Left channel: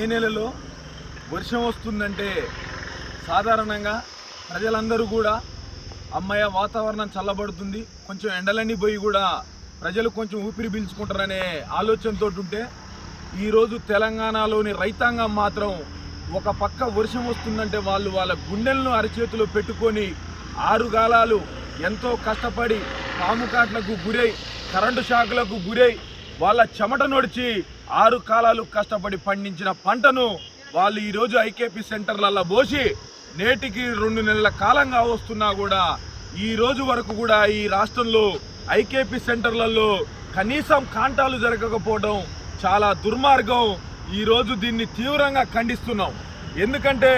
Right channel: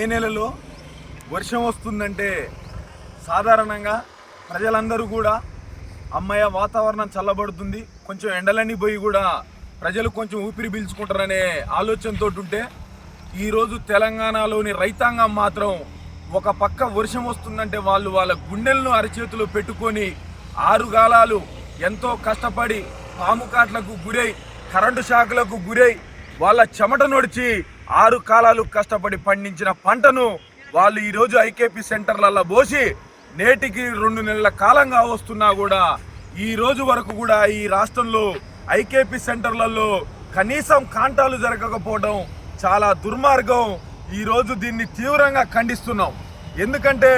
మే నెలలో వర్షం వస్తుందంటే సాధారణంగా ప్రజలందరూ కూడా అమ్మయ్య వాతావరణం చల్లబడుతుంది, కొంచెం ఎండలన్నీ పోయి కూడా ప్రజలు కొంచెం ఊపిరి పీల్చుకుంటారనే ఆలోచనతో ఉంటే ఈరోజు తెలంగాణలోని రైతాంగం మాత్రం ఒక పక్క వర్షం వస్తుందంటే వాళ్ళు వాళ్ళ గుండెలను అరచేతిలో పెట్టుకొని 6 గాలాలు ఎంతో కష్టపడి పాము కాట్లకు గురై కరెంటు షాకులకు గురై వాళ్ళ చెమట నొడిచి 6 కాలాలు కష్టపడి పండించిన పంటను వాళ్ళు ఈరోజు ఐకేపీ సెంటర్లలో పోసి నేటికి 2 నెలల కాలంగా వస్తున్నా కూడా ఈ రోజు వరకు కూడా ఈ రాష్ట్రంలో ఐకేపీ సెంటర్లలో కనీసం కాంటాలు జరగకపోవడం చాలా దుర్మార్గం. ఈరోజు దీన్ని తీవ్రంగా ఖండిస్తున్నాం. ఎందుకంటే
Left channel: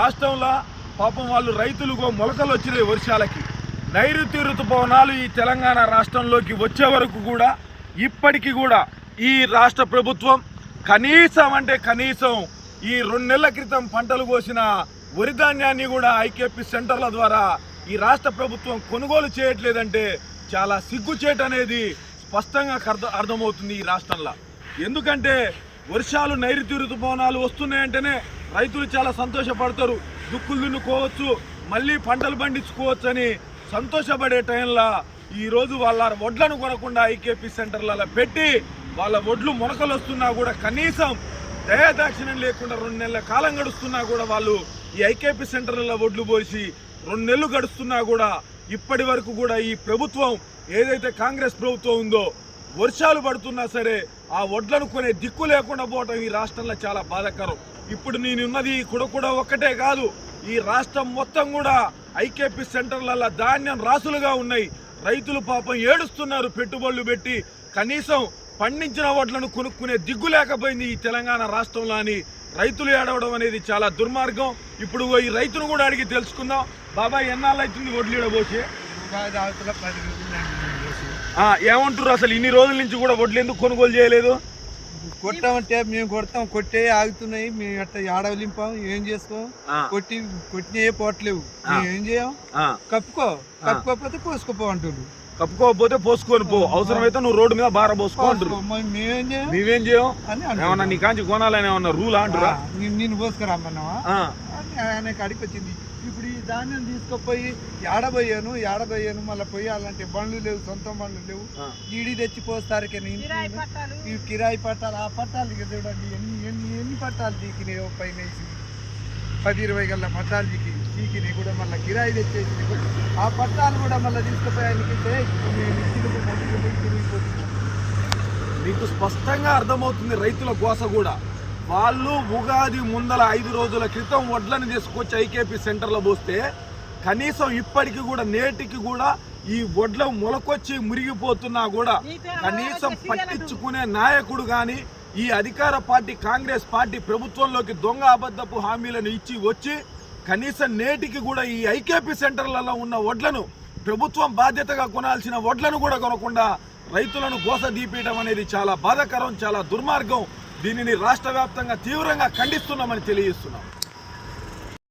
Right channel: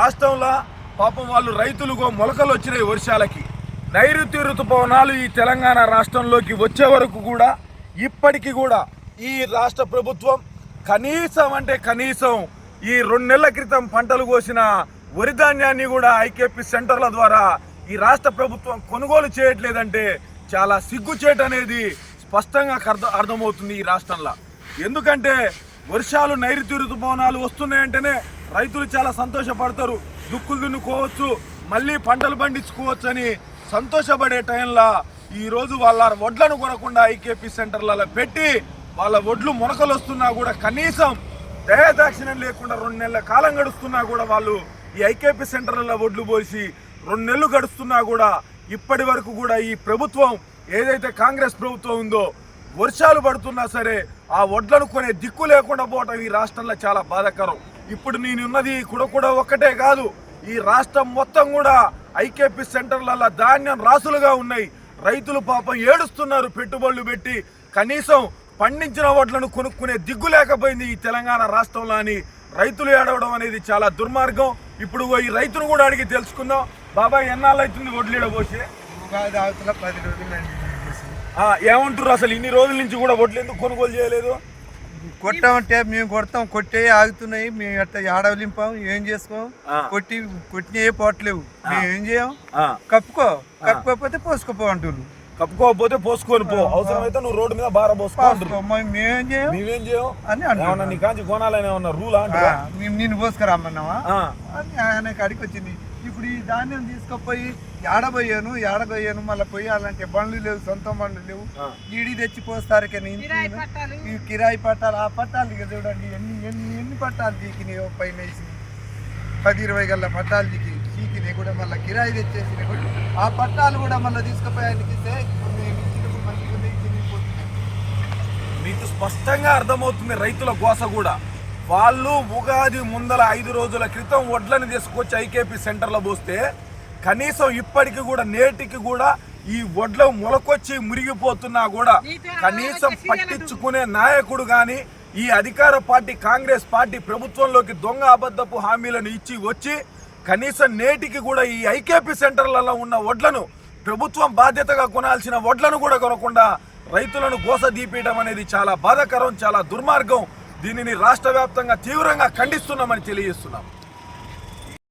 రాష్ట్రంలో పాపం వాళ్ళు రైతులుగా మొలకలు వచ్చినాయి వర్షాలకి. నైరుతి ఋతుపవనాలు ఈ తెలంగాణ రాష్ట్రంలోకి వచ్చే వరకు కూడా ఇప్పటికీ కూడా ఈ రాష్ట్ర ప్రభుత్వం కనీసం ఈ 2 నెలల క్రితం పంటలు కోసిన వరి ధాన్యాన్ని కూడా ఐకేపీ సెంటర్ల ద్వారా ఈ రాష్ట్ర ప్రభుత్వం కొనుగోలు చేయట్లేదంటే చాలా సిగ్గుచేటు అనేది స్పష్టంగా అర్థమవుతుంది ఈ రాష్ట్రంలో. ఎందుకంటే వర్షాలు నైరుతి ఋతుపవనాలు వస్తున్నాయంటేనే రైతులు చాలా సంతోషపడతారు, దుక్కులు దున్నుకోవచ్చు, మళ్ళీ పంటలు పండించుకోవచ్చు అని సంతోషపడే టైంలో ఈరోజు వాళ్ళ వడ్లను కొనకుండా ఐకేపీ సెంటర్లలో పెట్టి వాళ్ళ వడ్లు మొలకలు వస్తున్నా కూడా కనీసం దయాదాక్షిణ్యం లేకుండా 2 నెలల కాలం గడుస్తున్నా కూడా వాళ్ళు ఈ ఐకేపీ సెంటర్లలో వడ్లు పోసి 2 నెలలు గడుస్తున్నా కూడా ఇప్పటి వరకు కూడా ఈ ప్రభుత్వం ఏదైతే కాంగ్రెస్ ప్రభుత్వం ఉందో వర్షాలు పడుతున్నా సరే ఆ వడ్లను కొనే దిక్కు లేకుండా పోవటం ఈ రాష్ట్రంలో చాలా బాధాకరం. ఇప్పుడు నేనున్నది కూడా ఒక్కటే కాదు, ఈ రాష్ట్రం మొత్తం కూడా ఐకేపీ సెంటర్లలో ధాన్యం రాసులుగా ఉన్నాయి. రైతులు పాపం ఏడుస్తున్నారు, పెట్టుబడులు పెట్టి కనీసం పండించిన వడ్లను కొనుక్కునే దిగ్గు లేకపోయింది ఈ తెలంగాణ రాష్ట్రంలో అని రైతులు ఏడవడం అనేది చాలా దుర్మార్గం. ఇప్పుడు ఈ రైతును కూడా అడిగి తెలుసుకుందాం. బాబాయ్ ఎన్నాళ్ళు అవుతుంది వడ్లు ఈడబోసి? 10 రోజులు ఏమంటారు అసలు ఇన్ని రోజుల నుంచి కూడా వడ్లు ఎందుకు కొనుగోలు చేయలేదు? కొట్టామంటే మేము కొడతాం, కొట్టే ఆగుతున్నాయి, మేము అట్లా ఆడవలింపాం, ఏం చేసుకోం, కొట్టిన ఏ పోవట్లేవు, మేము ఏం చేయం, కప్పుకోకపోతే పోసుకోపో అంటున్నారు. కప్పుకోకపోతే పోసుకొని పో, అవసరమైతే నువ్వు రోడ్డు మీద బార పోసుకో, మేమేం చేయం అని ఏమన్నా నీ కాంచి కొనాలని ఏమన్నా రూలా? మేము నిన్ను పోసుకురమ్మన్నావా అని ఆయన కాడికి వచ్చింది. ఇప్పుడు ఈ ధాన్యం తీసుకుపోయి ఏడబోయాను మళ్ళీ పోయాలంటే బండ్లు లేవు, సొంత బండ్లు లేవు, ఈడి తెచ్చి పోస్తారు. కానీ ఈ కిరాయి పట్టాలు, ఆ పట్టాలు చూడండి ఎన్ని పట్టాలు చీకినాయి, పైన వేసి 10-20 గల్ల పట్టాలు చీకినాయి కూడా మళ్ళీ కిరాయి తెచ్చేసినాయి కూడా. ఆ పట్టాలు కూడా మళ్ళీ తీసుకుపోయానికి మేము ఇచ్చినప్పుడు మంచిగా తిరిగిపోతున్నాం. మీకు స్పష్టంగా అర్థమవుతుంది రైతుల గోస కూడా. వాళ్ళు ఉగాది ముందల 5 రోజుల క్రితం వడ్లను తీసుకొచ్చి ఐకేపీ సెంటర్లో పోస్తే కనీసం ఇప్పటికి కూడా నేటికి కూడా ఈ వడ్లు మొలకొచ్చి మురిగిపోతున్నా కూడా కనీసం పట్టించుకునే నాయకుడు కానీ ఈ అధికార పార్టీ కాంగ్రెస్ పార్టీ ప్రభుత్వంలోకి దొంగ అబద్ధపు హామీలను ఇచ్చి వచ్చి కనీసం నేటికి కూడా ఈ ఐకేపీ సెంటర్లలో ఉన్న వడ్లను ప్రభుత్వం బాధ్యతగా కొనాల్సిన వడ్లను కూడా కొనకుండా రైతులను గోస దీపేయడం అనేది చాలా బాధాకరం, చాలా దుర్మార్గం. దీనిని రాష్ట్ర వ్యాప్తంగా తీవ్రంగా ఖండిస్తున్నామని తెలియజేస్తున్నాం.